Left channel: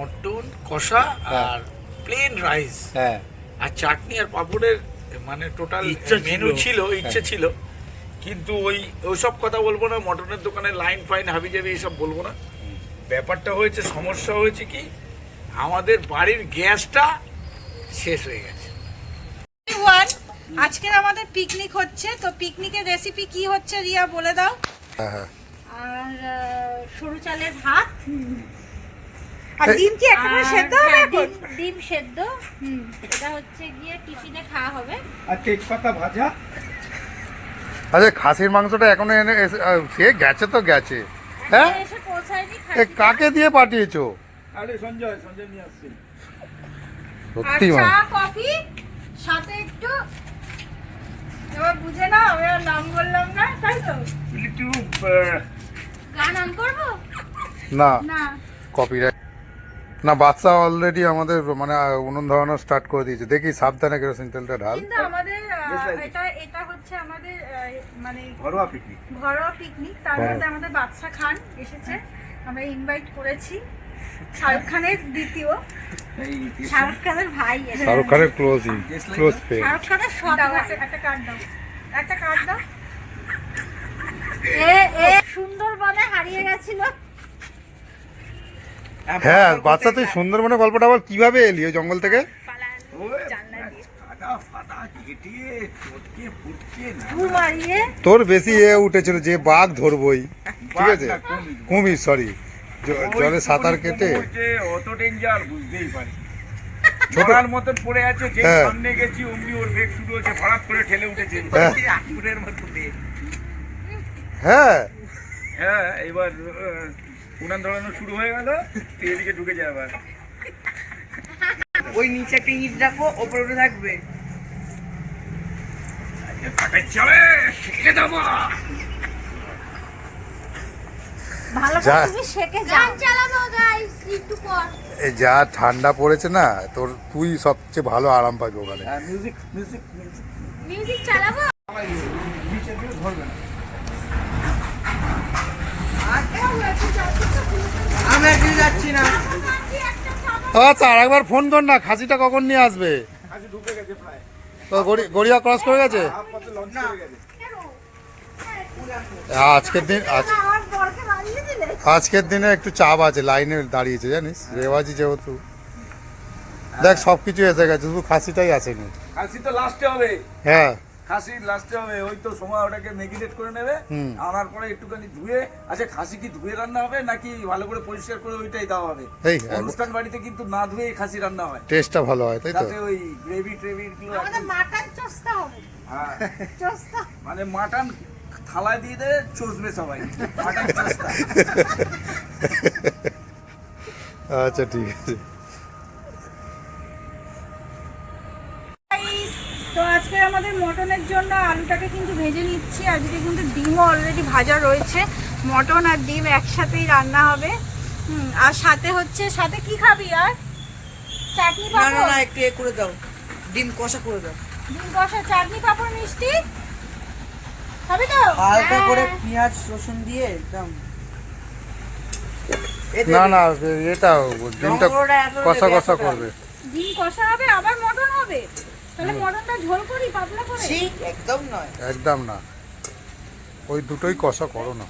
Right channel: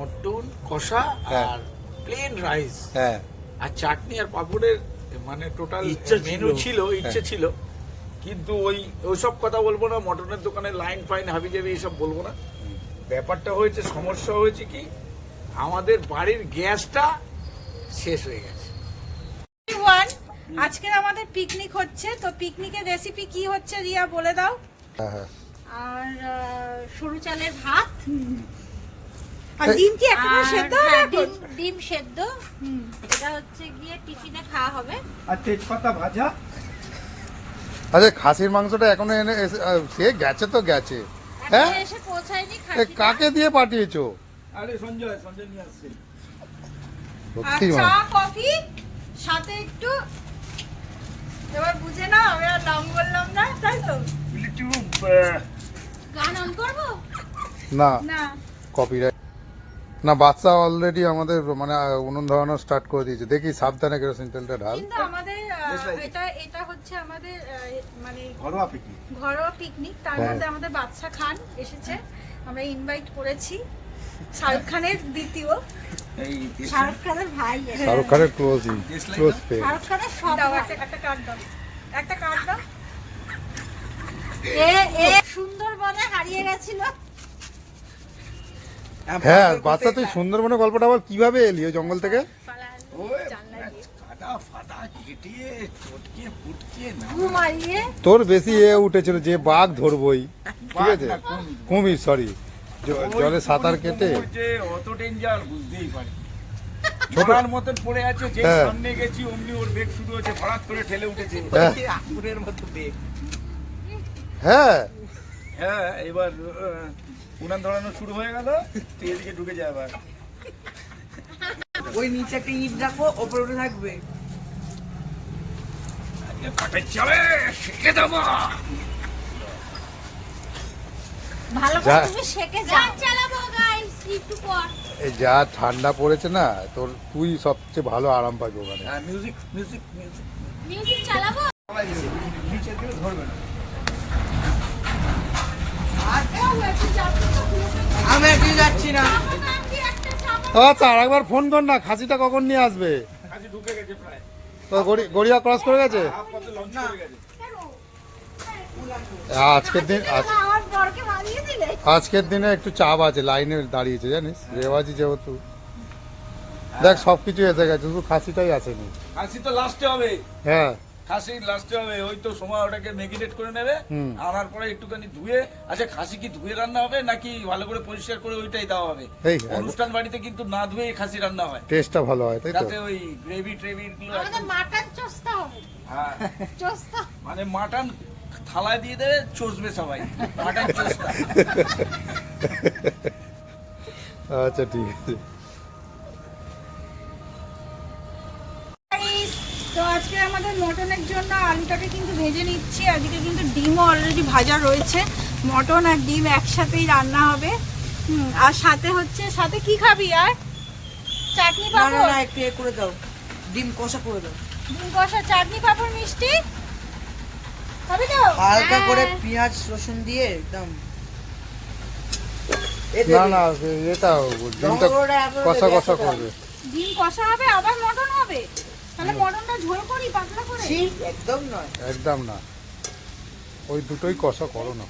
Mutton কষা হ্যাঁ। আর plain rice হ্যাঁ। আর চাটনি আর পাপড়ের মানে টোটাল মেনু ছিল। ইচ্ছে ছিল। কিন্তু ওই ওইসব কথা বলব না মটনের দোকানে লাইন ফাইন হাবি জাবি এইসব বলব না। ব্যাপারটা হয়েছে সমস্যা হয়েছে কি আমাদের বাড়ির গ্যাসটা শেষ হয়ে গেছে। ওয়ান আজকের আমাদের পিকনিক হচ্ছে তো পিকনিকের রেসিপি কি হচ্ছে রিয়া বলে দাও। হ্যাঁ হ্যাঁ। আর সরু চালের ভাত। আর ডিম কি একেবারে সেদ্ধ হবে হ্যাঁ, ডিম ডিম সেদ্ধ। এটা হচ্ছে গিয়ে টিফিনে খাওয়া হবে। আর তেজপাতা ভাজা। আচ্ছা খাসির মাংসটা এখনও এনে সে গেছে তো গেছে। হ্যাঁ? এসে পৌঁছায়নি এ কাকে দিয়ে পাঠিয়েছো? আরে সঞ্জয় সঞ্জয় নিয়ে আসছে। আর সত্যি চা মানে কফি সাথে একটু এবার বুঝে না আমি আর নাম বললাম না তাই তো? একটু গান অন করব? না। না। কপিরাইট না বাচ্চা অলরেডি আমাদের মানে উনুন ধরানো স্টার্ট করে দিয়েছে। দেখি সাবধানে কেরোসিন তেলটা ঢাল। কিন্তু আমাদের আহ, এটা এটা হচ্ছে আমাদের আহ, মানে ঘরোয়া পিকনিক ঘরোয়া পিকনিক তার হ্যাঁ। মধ্যে আমাদের বাচ্চা খান এসেছে। আমরা ইনভাইট করেছি। শাহরুখ খানের দ্বিতীয়। এই শাহরুখ খানের ভাই এসেছে। শাহরুখ খানের ক্লোজই ক্লোজ ফ্রেন্ড শাহরুখ খানের সব একটা একটা কার্ড দাও। একটা কার্ড দাও। এ এ সুন্দরবনে হারিয়ে গেছিল। হ্যাঁ বাচ্চা তুই সুন্দরবনের গল্পটা আবার কীভাবে এলি ওই জঙ্গল থেকে? তোর বেশি এ উঠেছিল যে বাঘ ধরবই ঠিক আছে? কুমির। সরি জলে সাঁতার কেটে। অত ডেঞ্জার বুঝতেই পারি ছোটার মতন পড়ে আছে যে হ্যাঁ। সামনে গেছি অমনি ওর বেগ শুরু হচ্ছে করে ঠেলে উঠেছে। হ্যাঁ। আঙ্গুরের মতো বেগ। হ্যাঁ। হ্যাঁ এবার উনান ধরানো শুরু হয়ে গেল তুই এদিকে ঢুকে যা আবার। ওই নিচে একটা ইট রাখো ওপরে ওটা থাকবে। যা করে তুমি শেখে যাও। গান চালাবো গাইস একটু পর। এই যা ঠান্ডা পড়েছে না তোর তুই সবচেয়ে ভালো আরাম পাবি ওখানে। মিউজিক মিউজিক মিউজিক মিউজিক চালাবো? নিচে দিয়ে ধরবে না। আমি একদিন যাচ্ছি না। আচ্ছা আর একবার ফোন কর না খাসিটা কখন নিয়ে আসবে? গড়িয়া ক্রস করে গেছে হাফ পথে লঞ্চ করে গেছে? আজকের দিন আজ আমার বরকে মারিয়ে দিলে আজকের দিনে একটু চাপ আছে লাইনে দাঁড়িয়েছে জানিস? রেওয়াজি যেহেতু। দেখ সব কিছু এসে গেছে শুধু খাসিটাই আসেনি। খাসি তো লাস্টে হবে। হ্যাঁ। খাসি লাস্টে হবে ওই তো সময় ওটাকে মেগিনেট করে নেবে আনার পরে একটুখানি ধুয়ে আচ্ছা খাসি কি ধুয়ে রান্না হবে নাকি ভালো করে পরিষ্কার করে ওইটাই দেওয়া হবে? অনুষ্ঠান বাড়িতে কিন্তু না ধুয়ে খাসি রান্না হয়। টেস্টটা ভালো হয় তাই তো? তাতে ওই গ্রেভি ট্রেভি গুলো আমাদের মাটন চস্তা হবে। হ্যাঁ, চস্তা মানে মাটন থালায় দিয়ে দেবে চষবে সবাই। মাটন চস্তা আচ্ছা ঠিক আছে। আজকে আমাদের মটনের জন্য আলুটাকে কিন্তু ভেজে নিচ্ছি। আজকে কিন্তু ডিমও অলরেডি ভাজা রয়েছে। মটন আর ডিম একসাথেই রান্না হবে। হুম, আর সাথে হচ্ছে সাথে কি খাবি আর? চাটনি পাঁপড়? না একটু এ করে দাও। ডিম কষা করে দাও। ডিম কষা চাটনি পাঁপড় মিষ্টি? খাবি তো? হালকা হ্যাঁ। করে পেঁয়াজ রসুন দিয়ে একদম। না না এটা ডিমটা কষা কষা করবে। ডিম কষা হবে আবার মটন হবে? ঝোল করি পাতলা করে? ছি, একদম নয়। একদম না। ওই দুটোই কষা করো না।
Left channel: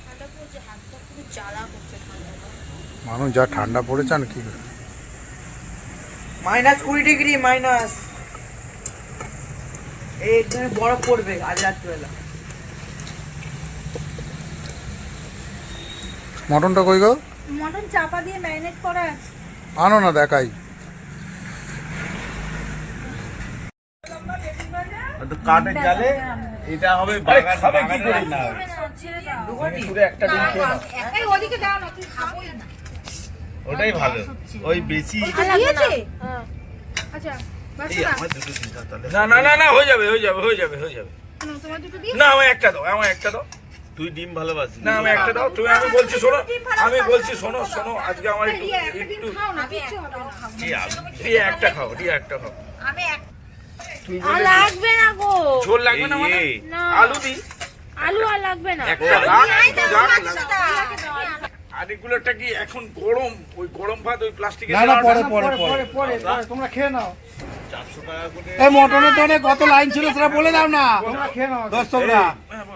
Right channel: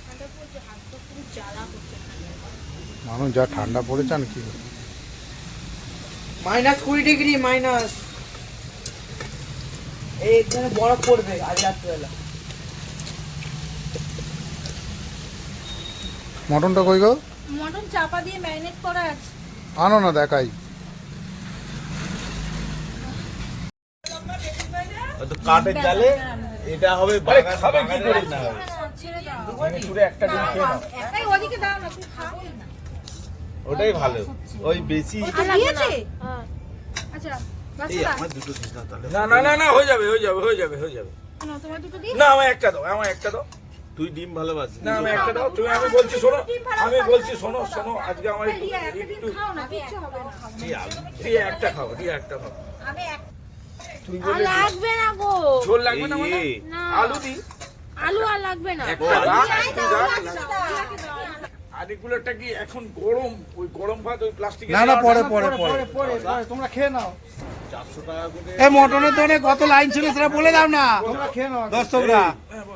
মানুষ যা ঠান্ডা পড়েছে আর কি করে? মাইনাস কুড়ি ডিগ্রি মাইনাস। এই এখানে বরফ পড়বে আজ রাত্রিবেলা। মটনটা কই গো? মটন চাপা দিয়ে ম্যারিনেট করা আছে। আনো না দেখাই। কাঠের জালে এটা হবে খাবে কি করে না ছেড়ে একটা ডিম খেয়ে নাও এই ওদিকে দাও না তুই খাবোই না ওটাই ভালো ওই বেশি আচ্ছা আচ্ছা না না না না হয়ে যাবে হয়ে যাবে হয়ে যাবে হয়ে যাবে কেন, তোমার দুটো দিয়ে না আমার একটা দাও আমার একটা দাও তুই ডিম ভালোবাসিস না আমি একটা দাও তুমি আমি বলছি শোনো আমি বলছি শোনো শোনো আজকে আমার একটু একটা একটু খাও রিয়া একটা খাও রিয়া একটা খাও আমি এক তুমি বলে লাগবে না গো। ঝোল লাগবে না মানে? আলু দি। আলু আর লাগবে না। একটা আরেকগুলোটা কি এখন গরম? ওই গরম ভাত ওই প্লাস্টিকের না না পরে পরে পরে তোমরা খেয়ে নাও। এই মটনের দোকানে কত লাইন ছিল সেটা বলে দাও না। তোমরা খেয়ে নাও। দর্শকরা।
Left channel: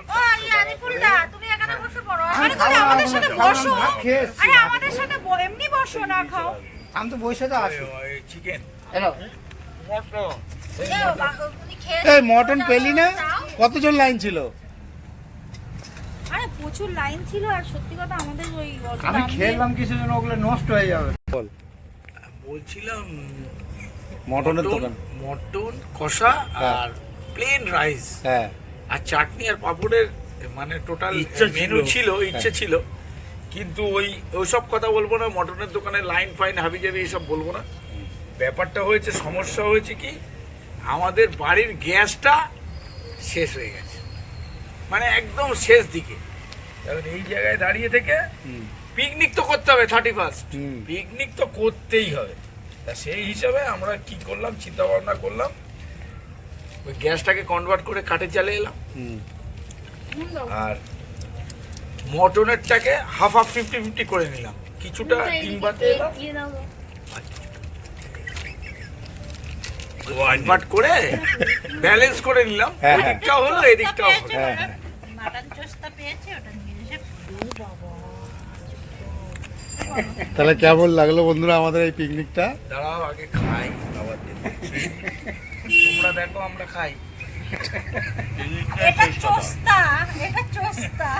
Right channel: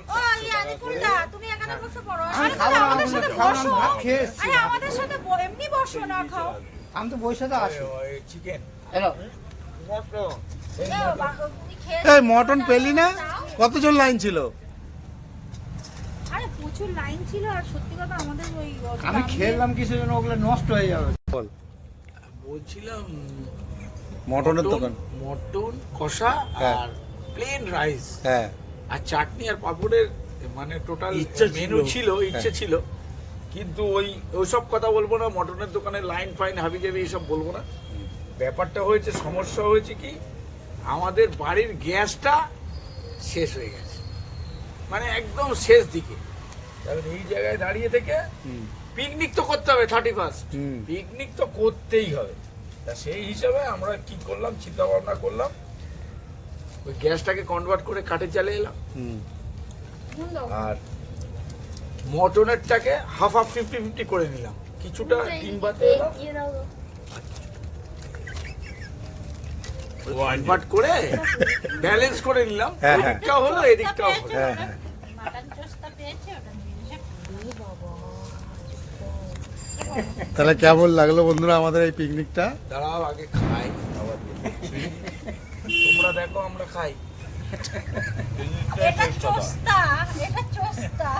ওই আদিপুরিদা, তুমি এখানে বসে পড়ো। আরে তুমি আমাদের সাথে বসো। আরে আমাদের সাথে ব- এমনি বসো না খাও। আমি তো বসে তো আছি। চিকেন এই মটন পেলি না? কতজন লাইন ছিল? আরে প্রচুর লাইন ছিল আর সত্যি কথা আমাদের ওই আমি খেলাম ওগুলো নষ্ট হয়ে যাবে? বল। বলছিলাম মটনের দোকান। মটন কষা হ্যাঁ। আর প্লেন রাইস হ্যাঁ। আর চাটনি আর পাপড়ের মানে টোটাল ইচ্ছা মেনু ছিল। ছিল ইচ্ছে ছিল। কিন্তু ওই ওইসব কথা বলব না মটনের দোকানে লাইন ফাইন হাবি যাবি এইসব বলব না। ব্যাপারটা হয়েছে সমস্যা হয়েছে কি? আমাদের বাড়ির গ্যাসটা শেষ হয়ে গেছে। মানে একদম শেষ দিকে। কারণ এই জায়গায় দাঁড়িয়ে থেকে পিকনিক তো করতে হবে থার্টি ফার্স্ট হুম। পিকনিক তো করতেই হবে। তা সেই হিসাবে আমরা কি করলাম চিন্তা ভাবনা করলাম। ওই গ্যাসটাকে কনভার্ট করে কাঠে চালিয়ে এলাম। হুম। আর মটনেরটাকে হাফ হাফ ফিফটি ফিফটি করে নিলাম। কিছুটা ডিম বাতে এলাম। কনভার্ট করে ব্যালেন্স করে নিলাম। হ্যাঁ, হ্যাঁ। হলো এদিকটাও হলো। হ্যাঁ তাহলে কেমন লাগল বন্ধুরা আমাদের এই পিকনিকটা? দাঁড়াও আগে খাই আবার তোমরা দেখো আমরা খাই। এটা চোস্তা এটা চোস্তা।